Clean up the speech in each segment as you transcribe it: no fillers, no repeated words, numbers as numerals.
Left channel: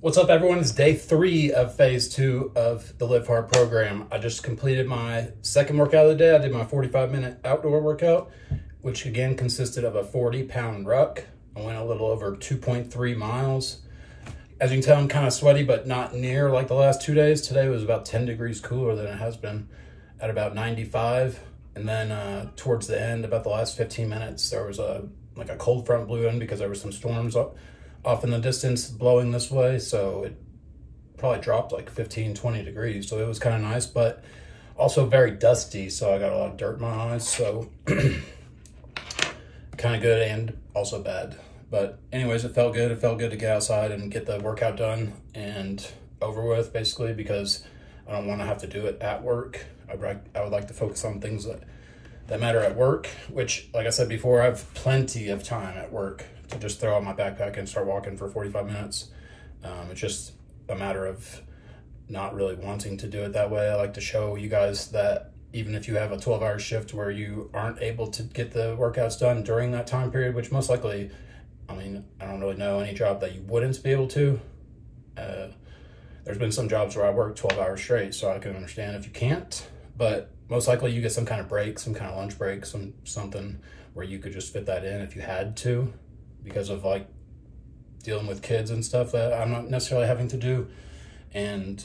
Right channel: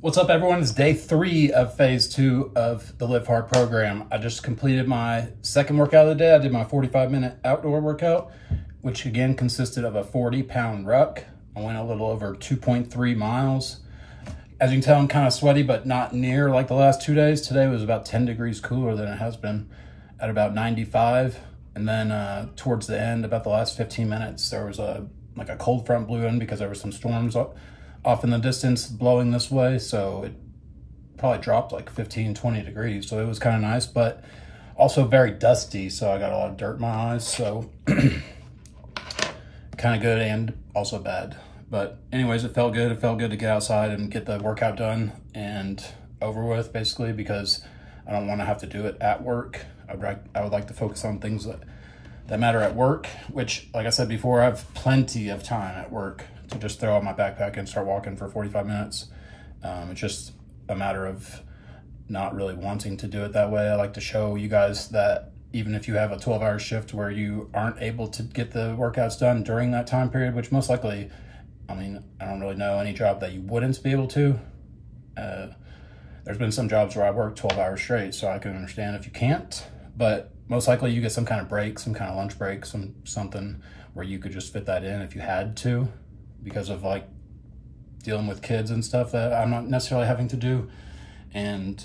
What's up, everyone? It's day 3 of phase 2 of the Live Hard program. I just completed my second workout of the day. I did my 45-minute outdoor workout, which again consisted of a 40-pound ruck. I went a little over 2.3 miles. As you can tell, I'm kind of sweaty, but not near like the last 2 days. Today was about 10 degrees cooler than it has been, at about 95. And then towards the end, about the last 15 minutes, there was a cold front blew in because there were some storms off in the distance blowing this way, so it probably dropped like 15-20 degrees, so it was kind of nice, but also very dusty, so I got a lot of dirt in my eyes, so kind of good and also bad. But anyways, it felt good to get outside and get the workout done and over with, basically, because I don't want to have to do it at work. I would like to focus on things that matter at work, which, like I said before, I have plenty of time at work to just throw out my backpack and start walking for 45 minutes. It's just a matter of not really wanting to do it that way. I like to show you guys that even if you have a 12-hour shift where you aren't able to get the workouts done during that time period, which most likely, I mean, I don't really know any job that you wouldn't be able to. There's been some jobs where I work 12 hours straight, so I can understand if you can't, but most likely you get some kind of break, some kind of lunch break, something where you could just fit that in if you had to, because of like dealing with kids and stuff that I'm not necessarily having to do. And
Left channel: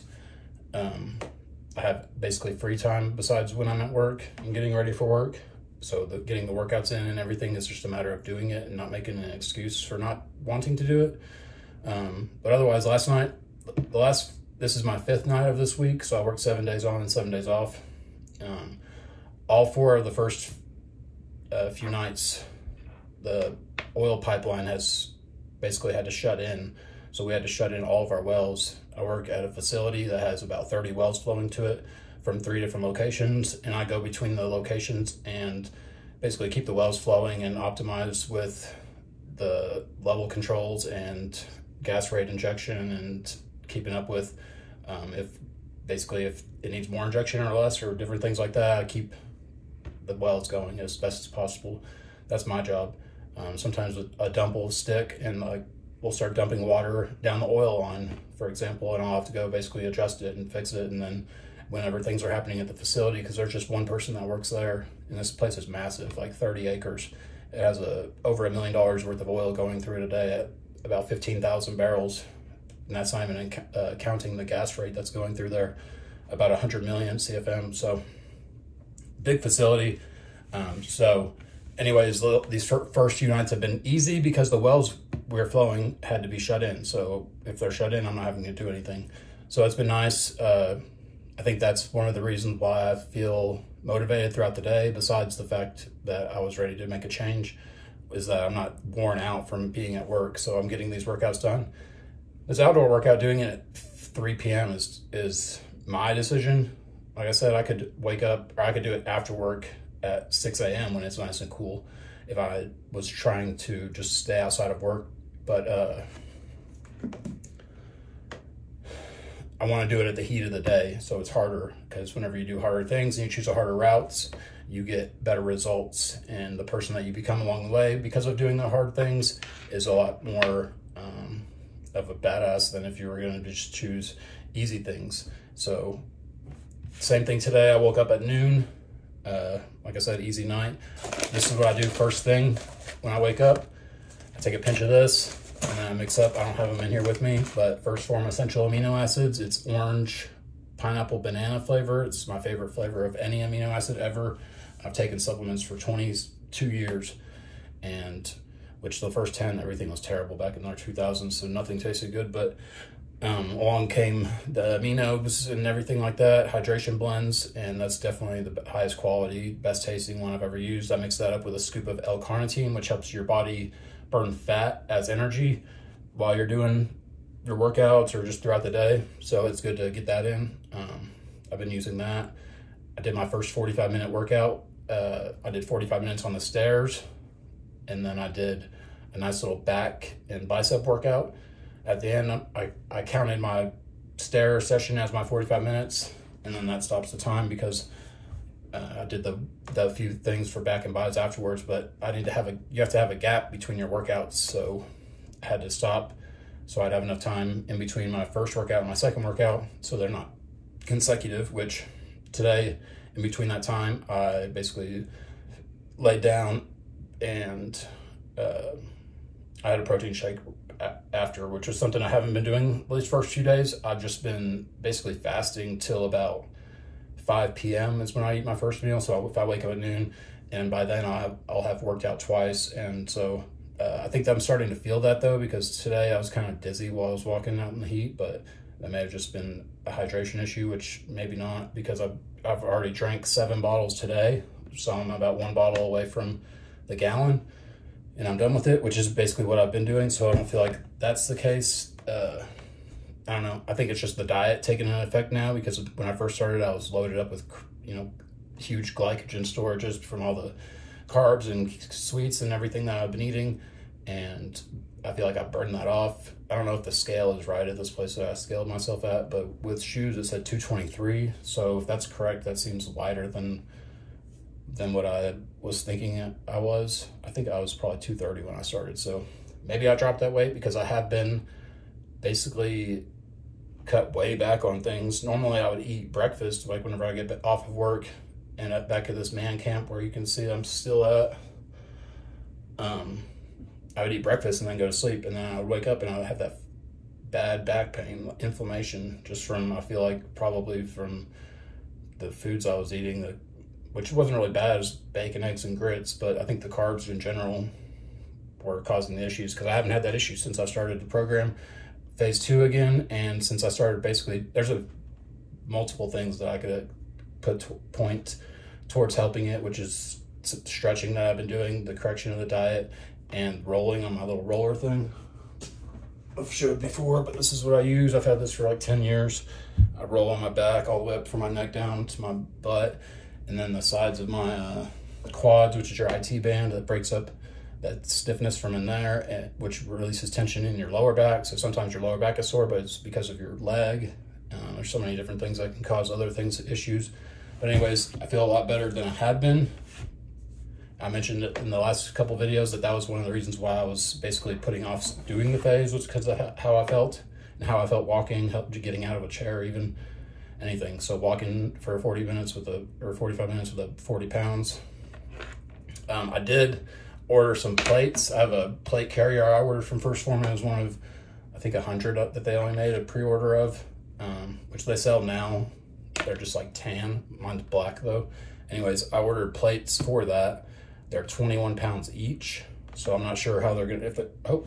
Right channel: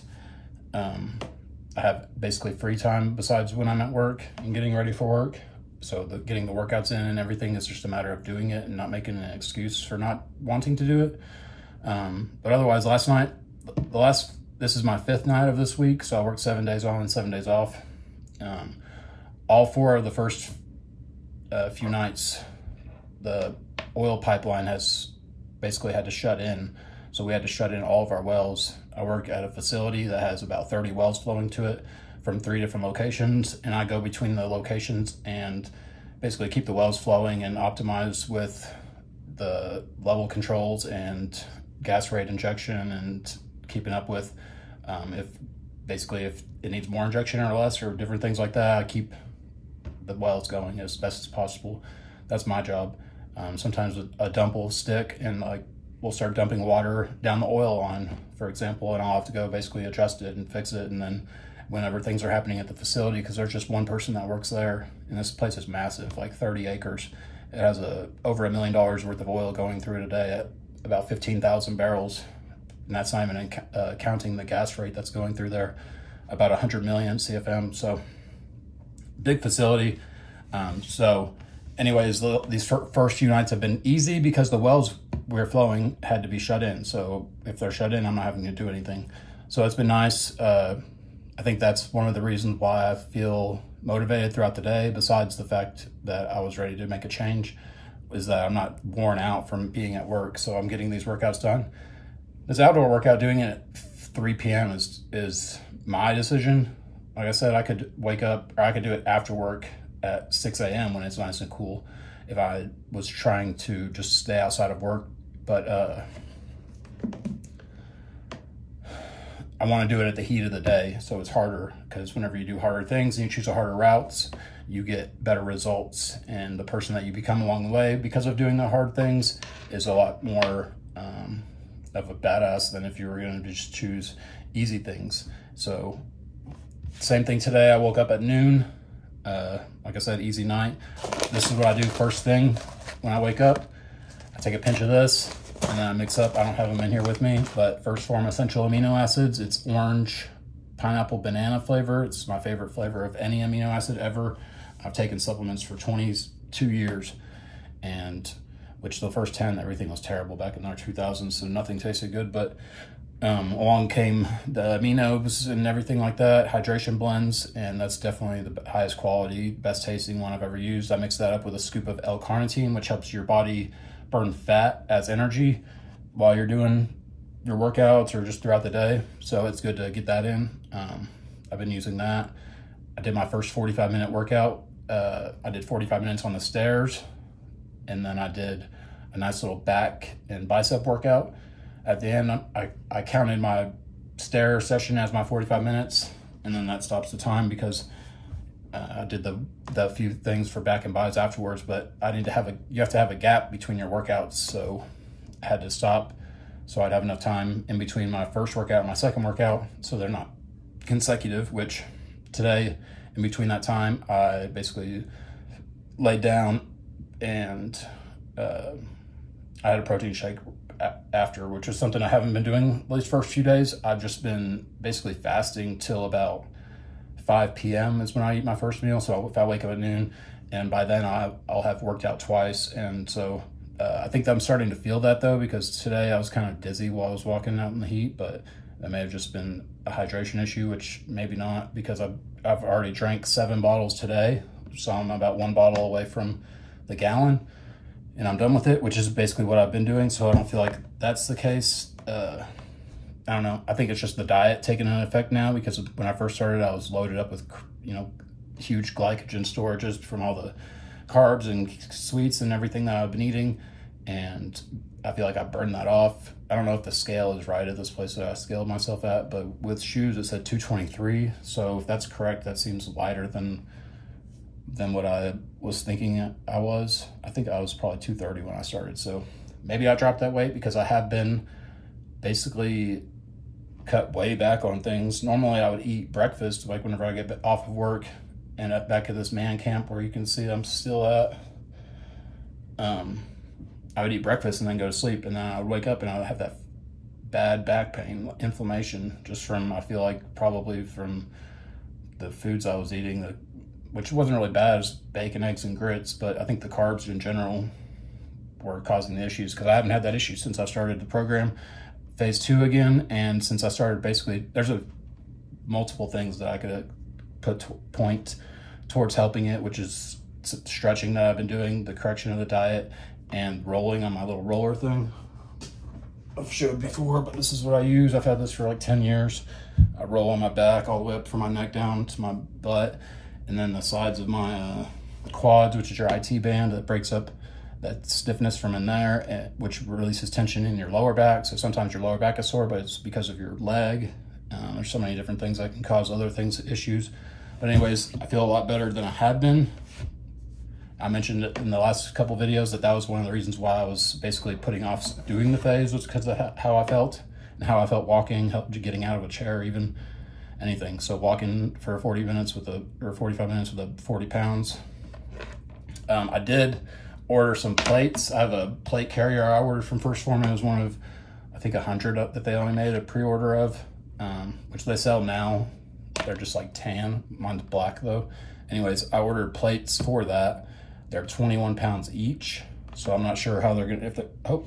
I have basically free time besides when I'm at work and getting ready for work. So getting the workouts in and everything is just a matter of doing it and not making an excuse for not wanting to do it. But otherwise, last night, this is my 5th night of this week. So I worked 7 days on and 7 days off. All 4 of the first few nights, the oil pipeline has basically had to shut in. So we had to shut in all of our wells. I work at a facility that has about 30 wells flowing to it from 3 different locations. And I go between the locations and basically keep the wells flowing and optimize with the level controls and gas rate injection and keeping up with if it needs more injection or less or different things like that. I keep the wells going as best as possible. That's my job. Sometimes a dump will stick and like we'll start dumping water down the oil line, for example, and I'll have to go basically adjust it and fix it. And then whenever things are happening at the facility, because there's just one person that works there, and this place is massive, like 30 acres. It has over $1 million worth of oil going through it a day at about 15,000 barrels. And that's not even counting the gas rate that's going through there, about 100 million CFM. So big facility. So anyways, these first few nights have been easy because the wells we're flowing had to be shut in. So if they're shut in, I'm not having to do anything. So it's been nice. I think that's one of the reasons why I feel motivated throughout the day, besides the fact that I was ready to make a change, is that I'm not worn out from being at work. So I'm getting these workouts done. This outdoor workout, doing it at 3 p.m. is my decision. Like I said, I could wake up, or I could do it after work at 6 a.m. when it's nice and cool if I was trying to just stay outside of work. But I want to do it at the heat of the day, so it's harder, because whenever you do harder things and you choose harder routes, you get better results. And the person that you become along the way because of doing the hard things is a lot more of a badass than if you were going to just choose easy things. So same thing today. I woke up at noon. Like I said, easy night. This is what I do first thing when I wake up. I take a pinch of this and then I mix up. I don't have them in here with me, but First Form essential amino acids. It's orange, pineapple, banana flavor. It's my favorite flavor of any amino acid ever. I've taken supplements for 22 years, and which the first 10, everything was terrible back in the 2000s, so nothing tasted good. But along came the aminos and everything like that, hydration blends, and that's definitely the highest quality, best tasting one I've ever used. I mix that up with a scoop of L-carnitine, which helps your body burn fat as energy while you're doing your workouts or just throughout the day. So it's good to get that in. I've been using that. I did my first 45-minute workout. I did 45 minutes on the stairs, and then I did a nice little back and bicep workout. At the end, I counted my stair session as my 45 minutes, and then that stops the time because I did the few things for back and biceps afterwards, but you have to have a gap between your workouts. So I had to stop So I'd have enough time in between my first workout and my second workout, so they're not consecutive, which today, in between that time, I basically laid down and I had a protein shake after, which is something I haven't been doing these first few days. I've just been basically fasting till about 5 p.m. is when I eat my first meal. So if I wake up at noon, and by then I'll have worked out twice. And so I think that I'm starting to feel that though, because today I was kind of dizzy while I was walking out in the heat, but that may have just been a hydration issue, which maybe not, because I've already drank 7 bottles today. So I'm about 1 bottle away from the gallon, and I'm done with it, which is basically what I've been doing. So I don't feel like that's the case. I don't know. I think it's just the diet taking an effect now, because when I first started, I was loaded up with, you know, huge glycogen storages from all the carbs and sweets and everything that I've been eating. And I feel like I burned that off. I don't know if the scale is right at this place that I scaled myself at, but with shoes, it said 223. So if that's correct, that seems lighter than what I was thinking I was. I think I was probably 230 when I started. So maybe I dropped that weight because I have been basically cut way back on things. Normally I would eat breakfast, like whenever I get off of work and back at this man camp where you can see I'm still at. I would eat breakfast and then go to sleep, and then I would wake up and I would have that bad back pain, inflammation, just from, I feel like probably from the foods I was eating, which wasn't really bad, as bacon, eggs, and grits, but I think the carbs in general were causing the issues, because I haven't had that issue since I started the program, phase 2 again. And since I started, basically, there's multiple things that I could point towards helping it, which is stretching that I've been doing, the correction of the diet, and rolling on my little roller thing I've showed before, but this is what I use. I've had this for like 10 years. I roll on my back all the way up from my neck down to my butt, and then the sides of my quads, which is your IT band that breaks up that stiffness from in there, which releases tension in your lower back. So sometimes your lower back is sore, but it's because of your leg. There's so many different things that can cause other things, issues. But anyways, I feel a lot better than I had been. I mentioned in the last couple videos that was one of the reasons why I was basically putting off doing the phase, was because of how I felt, and how I felt walking, getting out of a chair, even anything. So walking for 40 minutes or 45 minutes with 40 pounds. I did order some plates. I have a plate carrier I ordered from 1st Phorm. It was one of, I think, 100 that they only made a pre-order of, which they sell now. They're just like tan. Mine's black though. Anyways, I ordered plates for that. They're 21 pounds each. So I'm not sure how they're gonna,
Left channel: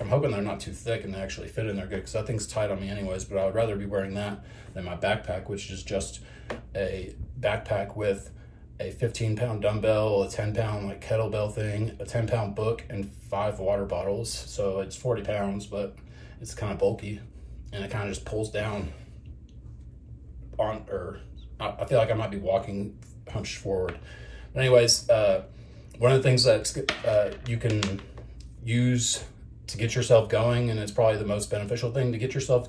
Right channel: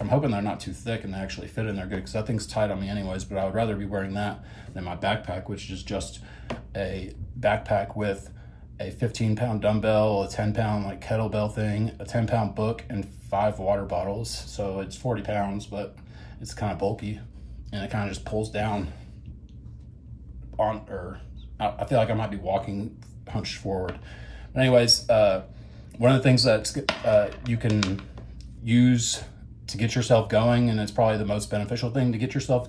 I'm hoping they're not too thick and they actually fit in there good, because that thing's tight on me anyways, but I would rather be wearing that than my backpack, which is just a backpack with a 15-pound dumbbell, a 10-pound like kettlebell thing, a 10-pound book, and 5 water bottles. So it's 40 pounds, but it's kind of bulky, and it kind of just pulls down on, or I feel like I might be walking hunched forward. But anyways, one of the things that you can use to get yourself going, and it's probably the most beneficial thing to get yourself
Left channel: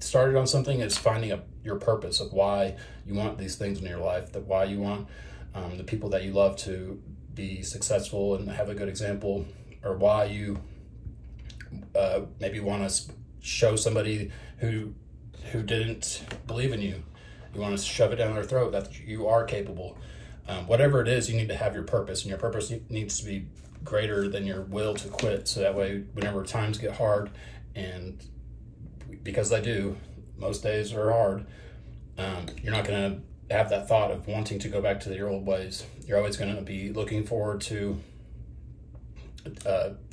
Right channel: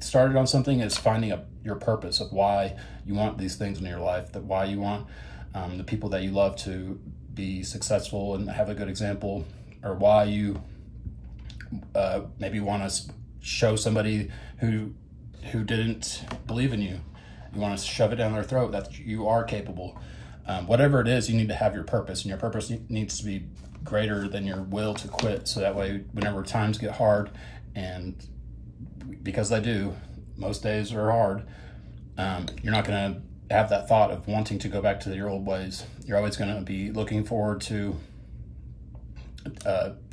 started on something, is finding your purpose of why you want these things in your life, that why you want the people that you love to be successful and have a good example, or why you maybe want to show somebody who didn't believe in you. You want to shove it down their throat that you are capable. Whatever it is, you need to have your purpose, and your purpose needs to be greater than your will to quit. So that way, whenever times get hard, and because they do, most days are hard, you're not going to have that thought of wanting to go back to your old ways. You're always going to be looking forward to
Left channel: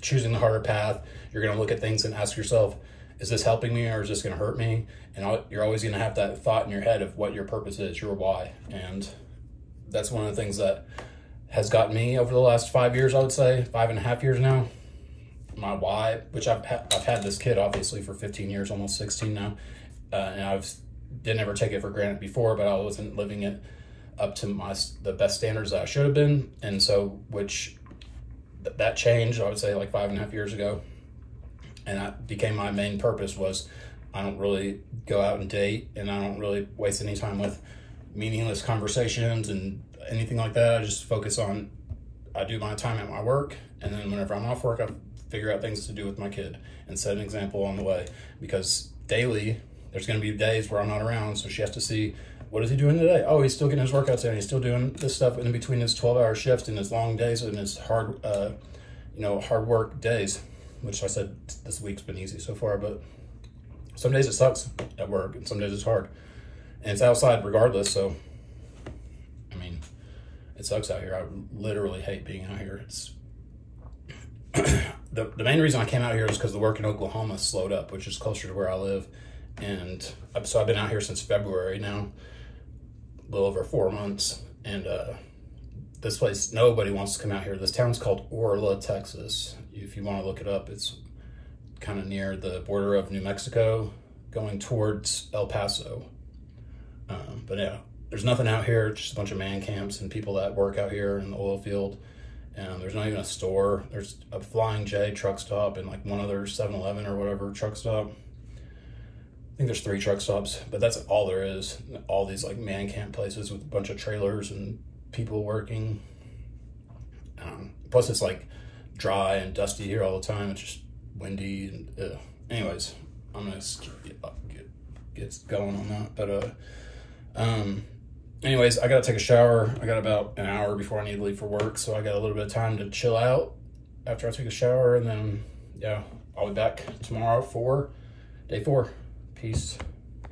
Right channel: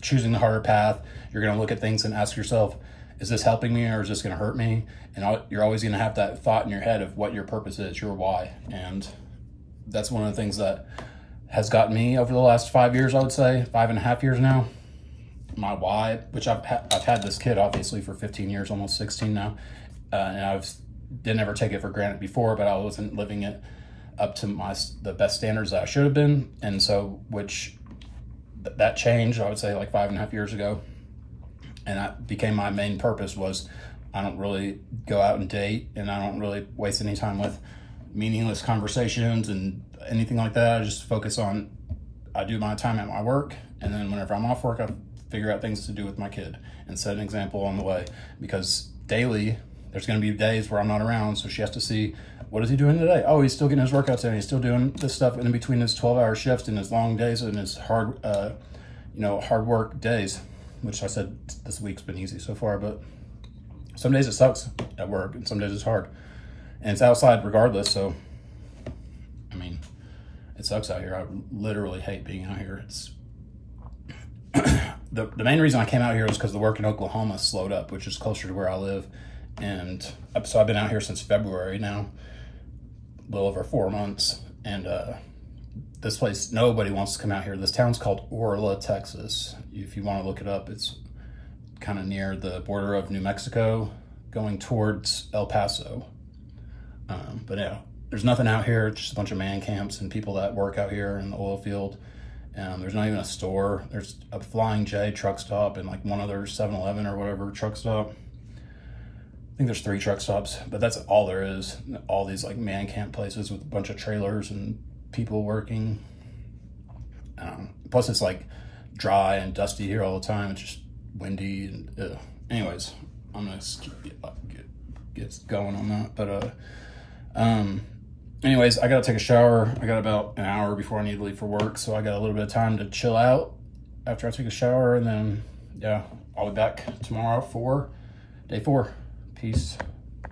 choosing the harder path. You're going to look at things and ask yourself, is this helping me or is this going to hurt me? And you're always going to have that thought in your head of what your purpose is, your why. And that's one of the things that has gotten me over the last 5 years, I would say, 5.5 years now. My why, which I've had this kid obviously for 15 years, almost 16 now. And I didn't ever take it for granted before, but I wasn't living it up to the best standards that I should have been. And so, that changed, I would say, like 5.5 years ago. And that became my main purpose. Was I don't really go out and date, and I don't really waste any time with meaningless conversations and anything like that. I just focus on, I do my time at my work, and then whenever I'm off work, I figure out things to do with my kid and set an example on the way, because daily there's going to be days where I'm not around, so she has to see, what is he doing today? Oh, he's still getting his workouts in. He's still doing this stuff in between his 12-hour shifts and his long days and his hard, hard work days, which I said this week's been easy so far, but some days it sucks at work and some days it's hard. And it's outside regardless, so, I mean, it sucks out here. I literally hate being out here. It's the main reason I came out here is because the work in Oklahoma slowed up, which is closer to where I live. And so I've been out here since February now, a little over 4 months. And this place, nobody wants to come out here. This town's called Orla, Texas. If you want to look it up, it's kind of near the border of New Mexico, going towards El Paso. But yeah, there's nothing out here. It's just a bunch of man camps and people that work out here in the oil field. There's not even a store. There's a Flying J truck stop and like one other 7-Eleven or whatever truck stop. I think there's 3 truck stops, but that's all there is. All these like man camp places with a bunch of trailers and people working. Plus it's like dry and dusty here all the time. It's just windy and anyways, I'm gonna get going on that. But anyways, I gotta take a shower. I got about an hour before I need to leave for work, so I got a little bit of time to chill out after I take a shower, and then yeah, I'll be back tomorrow for day 4. Peace.